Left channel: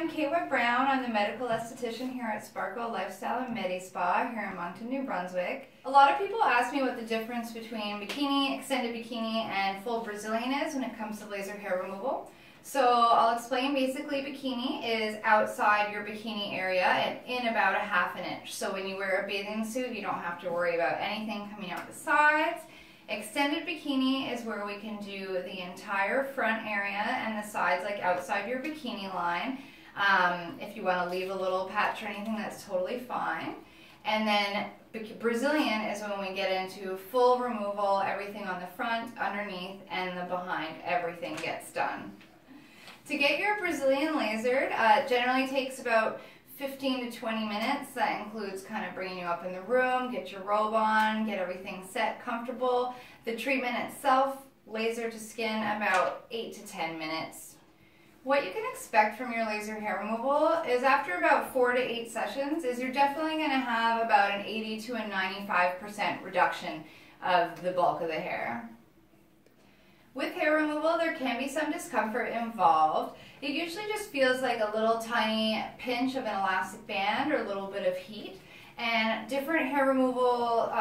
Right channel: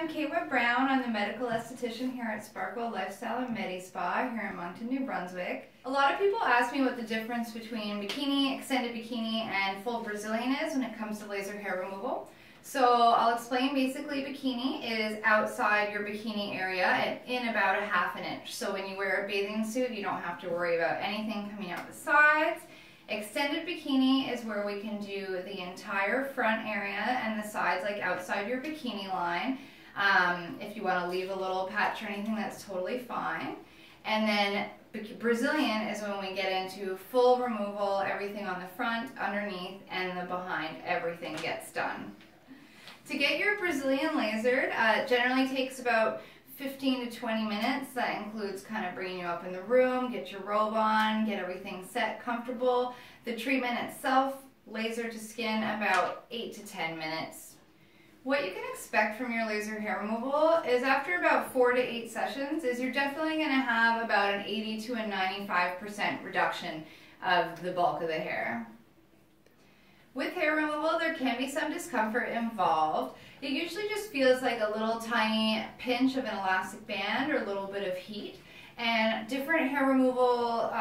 I'm Kate Brown. I'm the medical esthetician here at Sparkle Lifestyle and Medi Spa here in Moncton, New Brunswick. A lot of people ask me what the difference between bikini, extended bikini, and full Brazilian is when it comes to laser hair removal. So I'll explain. Basically, bikini is outside your bikini area and in about a ½ inch. So when you wear a bathing suit, you don't have to worry about anything coming out the sides. Extended bikini is where we can do the entire front area and the sides, like outside your bikini line. If you want to leave a little patch or anything, that's totally fine. And then Brazilian is when we get into full removal, everything on the front, underneath, and the behind, everything gets done. To get your Brazilian lasered, it generally takes about 15 to 20 minutes. That includes kind of bringing you up in the room, get your robe on, get everything set, comfortable. The treatment itself, laser to skin, about 8 to 10 minutes. What you can expect from your laser hair removal is after about 4 to 8 sessions is you're definitely going to have about an 80 to a 95% reduction of the bulk of the hair. With hair removal, there can be some discomfort involved. It usually just feels like a little tiny pinch of an elastic band or a little bit of heat. And different hair removal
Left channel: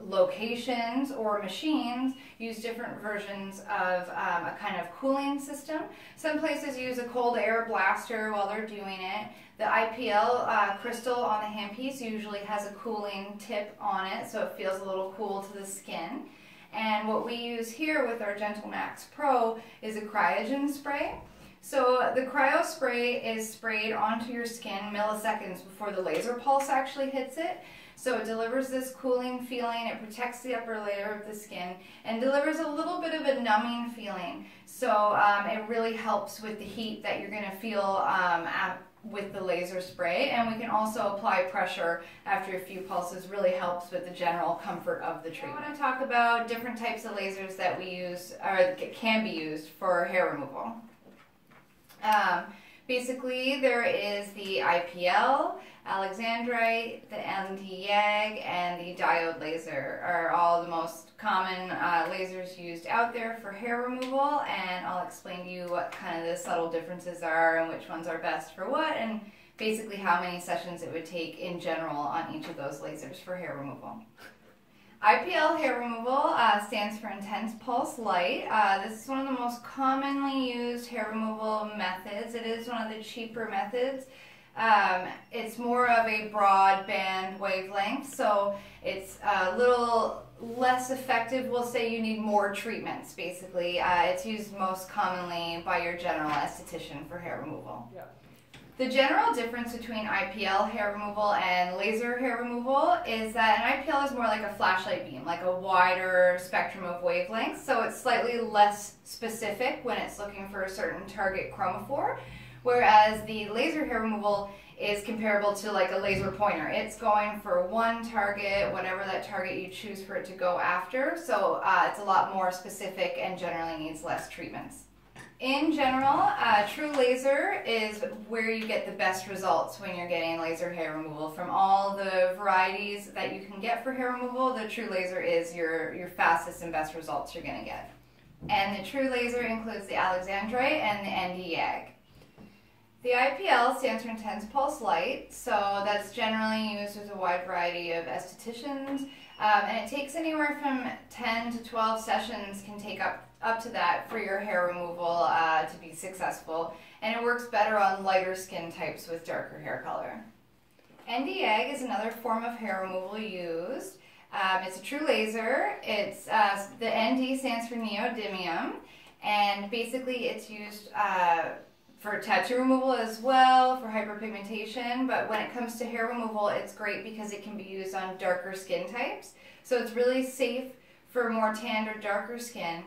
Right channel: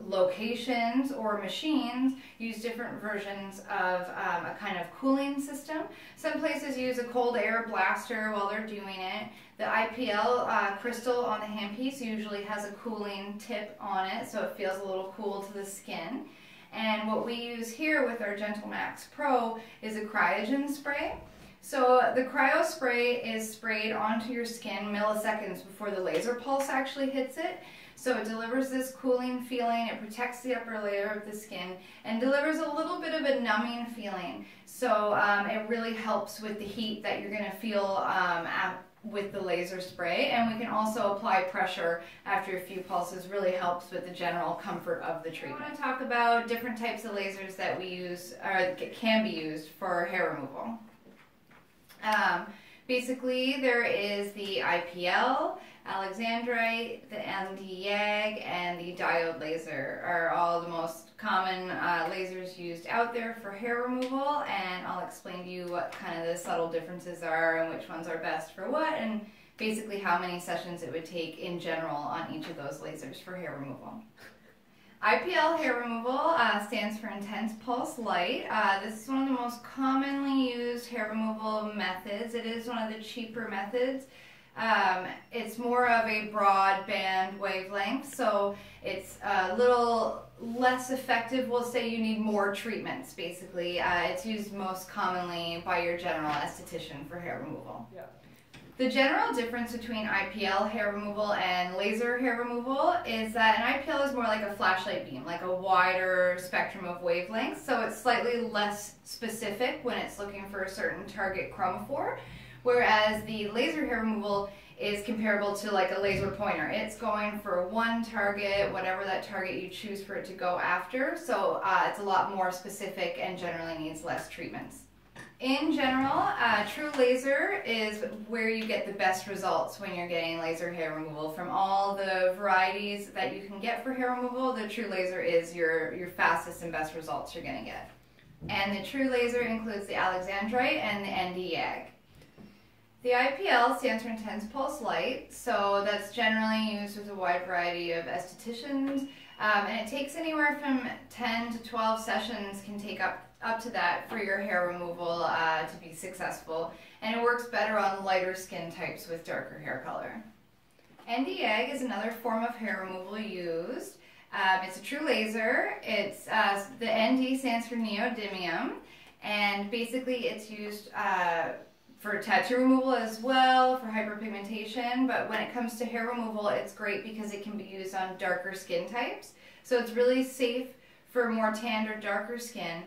locations or machines use different versions of a kind of cooling system. Some places use a cold air blaster while they're doing it. The IPL crystal on the handpiece usually has a cooling tip on it, so it feels a little cool to the skin. And what we use here with our Gentle Max Pro is a cryogen spray. So the cryo spray is sprayed onto your skin milliseconds before the laser pulse actually hits it. So it delivers this cooling feeling, it protects the upper layer of the skin, and delivers a little bit of a numbing feeling. So it really helps with the heat that you're going to feel with the laser spray, and we can also apply pressure after a few pulses. Really helps with the general comfort of the treatment. I want to talk about different types of lasers that we use or can be used for hair removal. Basically, there is the IPL, Alexandrite, the ND-YAG, and the diode laser are all the most common lasers used out there for hair removal, and I'll explain to you what kind of the subtle differences are and which ones are best for what, and basically how many sessions it would take in general on each of those lasers for hair removal. IPL hair removal stands for Intense Pulse Light. This is one of the most commonly used hair removal methods. It is one of the cheaper methods. It's more of a broadband wavelength, so it's a little less effective. We'll say you need more treatments, basically. It's used most commonly by your general esthetician for hair removal. Yeah. The general difference between IPL hair removal and laser hair removal is that an IPL is more like a flashlight beam, like a wider spectrum of wavelengths, so it's slightly less specific when it's looking for a certain target chromophore, whereas the laser hair removal is comparable to like a laser pointer. It's going for one target, whatever that target you choose for it to go after, so it's a lot more specific and generally needs less treatments. In general, true laser is where you get the best results when you're getting laser hair removal. From all the varieties that you can get for hair removal, the true laser is your fastest and best results you're going to get. And the true laser includes the Alexandrite and the ND-YAG. The IPL stands for Intense Pulse Light, so that's generally used with a wide variety of estheticians, and it takes anywhere from 10 to 12 sessions, can take up to that for your hair removal to be successful, and it works better on lighter skin types with darker hair color. ND-YAG is another form of hair removal used. It's a true laser. It's the ND stands for neodymium, and basically it's used for tattoo removal as well, for hyperpigmentation, but when it comes to hair removal, it's great because it can be used on darker skin types. So it's really safe for more tanned or darker skin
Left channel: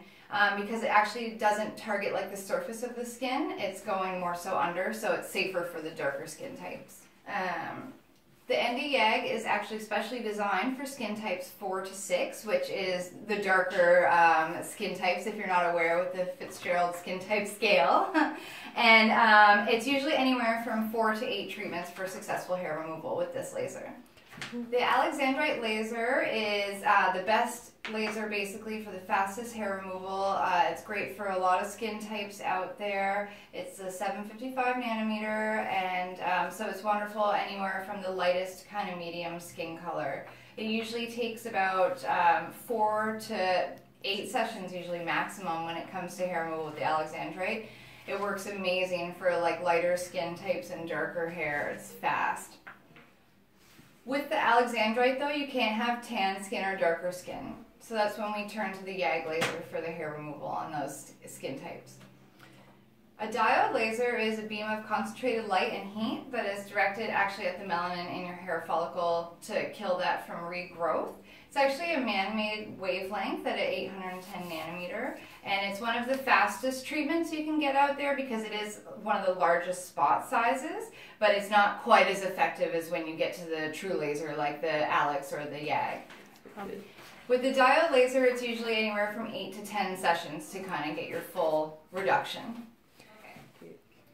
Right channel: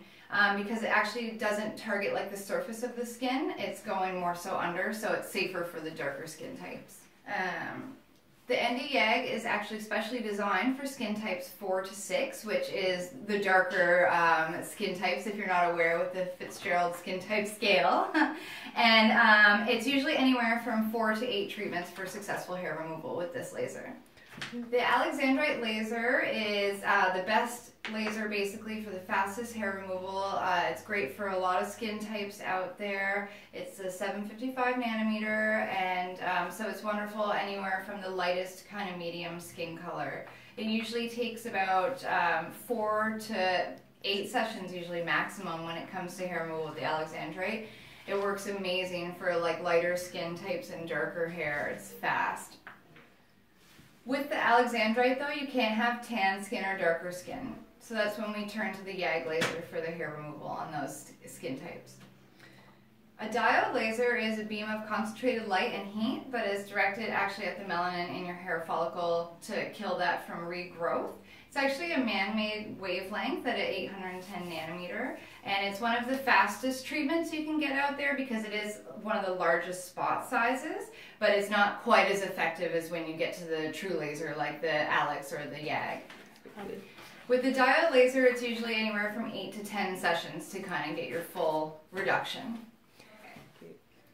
because it actually doesn't target like the surface of the skin. It's going more so under, so it's safer for the darker skin types. The ND-YAG is actually specially designed for skin types 4 to 6, which is the darker skin types, if you're not aware, with the Fitzgerald skin type scale. And it's usually anywhere from 4 to 8 treatments for successful hair removal with this laser. The Alexandrite laser is the best laser basically for the fastest hair removal. It's great for a lot of skin types out there. It's a 755 nanometer, and so it's wonderful anywhere from the lightest kind of medium skin color. It usually takes about 4 to 8 sessions, usually maximum, when it comes to hair removal with the Alexandrite. It works amazing for like lighter skin types and darker hair. It's fast. With the Alexandrite though, you can't have tan skin or darker skin. So that's when we turn to the YAG laser for the hair removal on those skin types. A diode laser is a beam of concentrated light and heat that is directed actually at the melanin in your hair follicle to kill that from regrowth. It's actually a man-made wavelength at 810 nanometer, and it's one of the fastest treatments you can get out there because it is one of the largest spot sizes, but it's not quite as effective as when you get to the true laser like the Alex or the YAG. With the diode laser, it's usually anywhere from 8 to 10 sessions to kind of get your full reduction.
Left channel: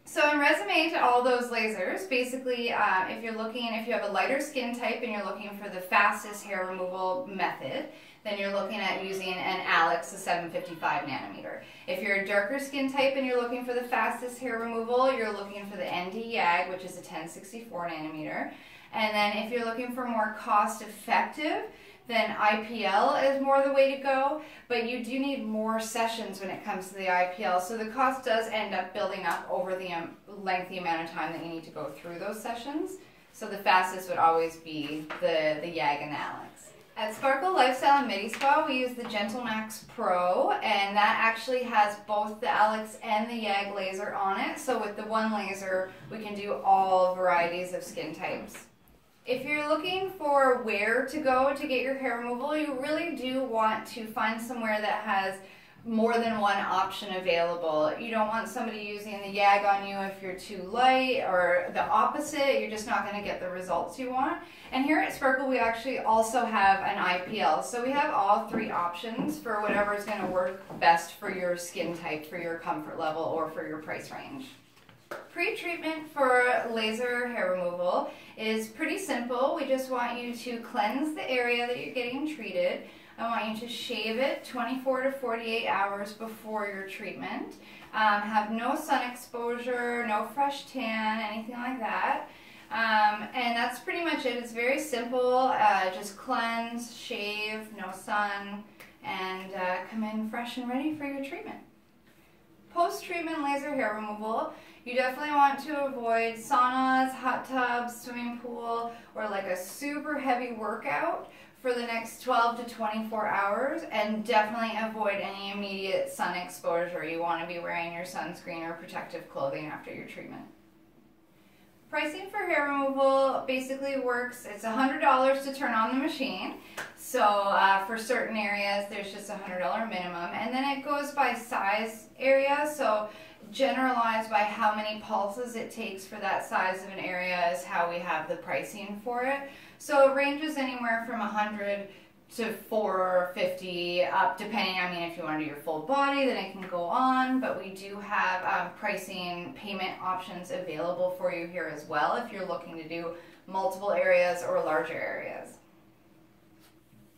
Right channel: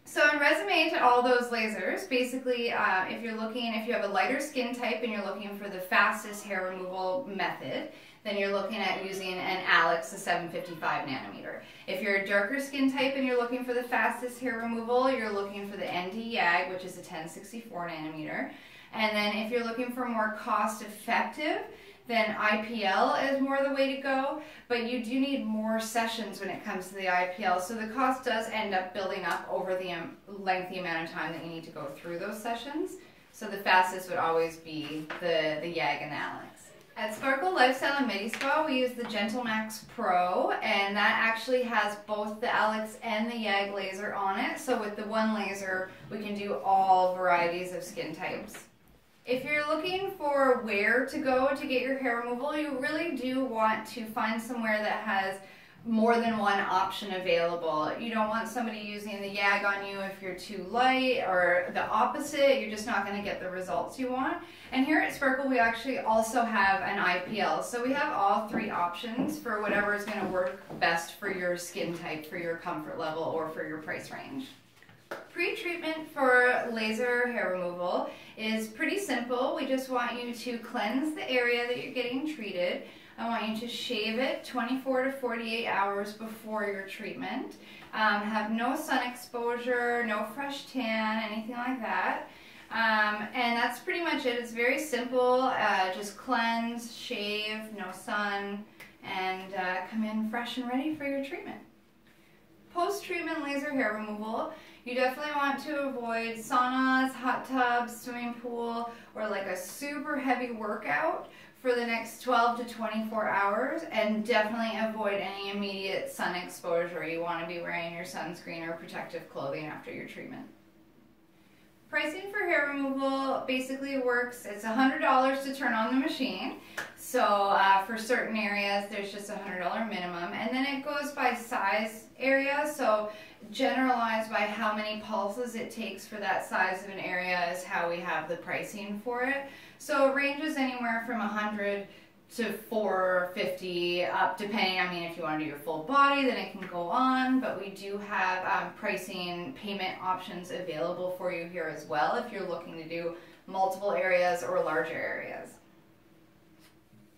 So in resume to all those lasers, basically if you have a lighter skin type and you're looking for the fastest hair removal method, then you're looking at using an Alex, a 755 nanometer. If you're a darker skin type and you're looking for the fastest hair removal, you're looking for the ND YAG, which is a 1064 nanometer. And then if you're looking for more cost effective, then IPL is more the way to go, but you do need more sessions when it comes to the IPL, so the cost does end up building up over the lengthy amount of time that you need to go through those sessions. So the fastest would always be the YAG and the Alex. At Sparkle Lifestyle and Medi Spa, we use the GentleMax Pro, and that actually has both the Alex and the YAG laser on it, so with the one laser, we can do all varieties of skin types. If you're looking for where to go to get your hair removal, you really do want to find somewhere that has more than one option available. You don't want somebody using the YAG on you if you're too light, or the opposite, you're just not going to get the results you want. And here at Sparkle, we actually also have an IPL. So we have all 3 options for whatever is going to work best for your skin type, for your comfort level, or for your price range. Pre-treatment for laser hair removal is pretty simple. We just want you to cleanse the area that you're getting treated. I want you to shave it 24 to 48 hours before your treatment. Have no sun exposure, no fresh tan, anything like that. And that's pretty much it. It's very simple. Just cleanse, shave, no sun, and come in fresh and ready for your treatment. Post-treatment laser hair removal, you definitely want to avoid saunas, hot tubs, swimming pool, or like a super heavy workout for the next 12 to 24 hours, and definitely avoid any immediate sun exposure. You want to be wearing your sunscreen or protective clothing after your treatment. Pricing for hair removal basically works, it's $100 to turn on the machine. So for certain areas, there's just a $100 minimum. And then it goes by size area, so generalized by how many pulses it takes for that size of an area is how we have the pricing for it. So it ranges anywhere from 100 to 450 up, depending, I mean, if you want to do your full body, then it can go on, but we do have pricing payment options available for you here as well if you're looking to do multiple areas or larger areas.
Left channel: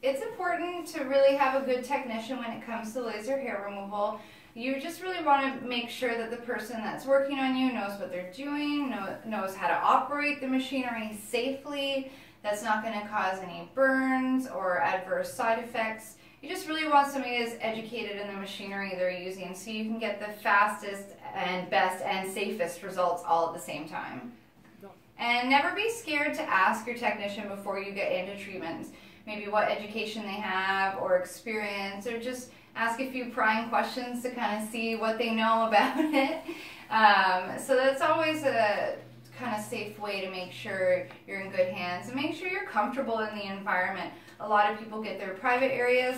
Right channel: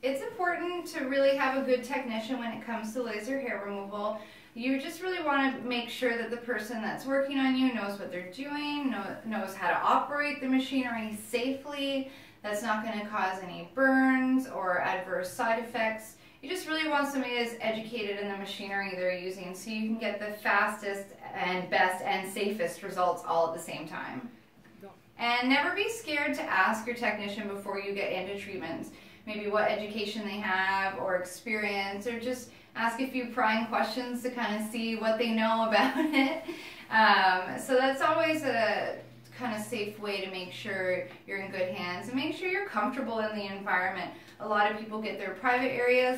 It's important to really have a good technician when it comes to laser hair removal. You just really want to make sure that the person that's working on you knows what they're doing, knows how to operate the machinery safely, that's not going to cause any burns or adverse side effects. You just really want somebody that's educated in the machinery they're using so you can get the fastest and best and safest results all at the same time. And never be scared to ask your technician before you get into treatments. Maybe what education they have or experience, or just ask a few prying questions to kind of see what they know about it. So that's always a kind of safe way to make sure you're in good hands and make sure you're comfortable in the environment. A lot of people get their private areas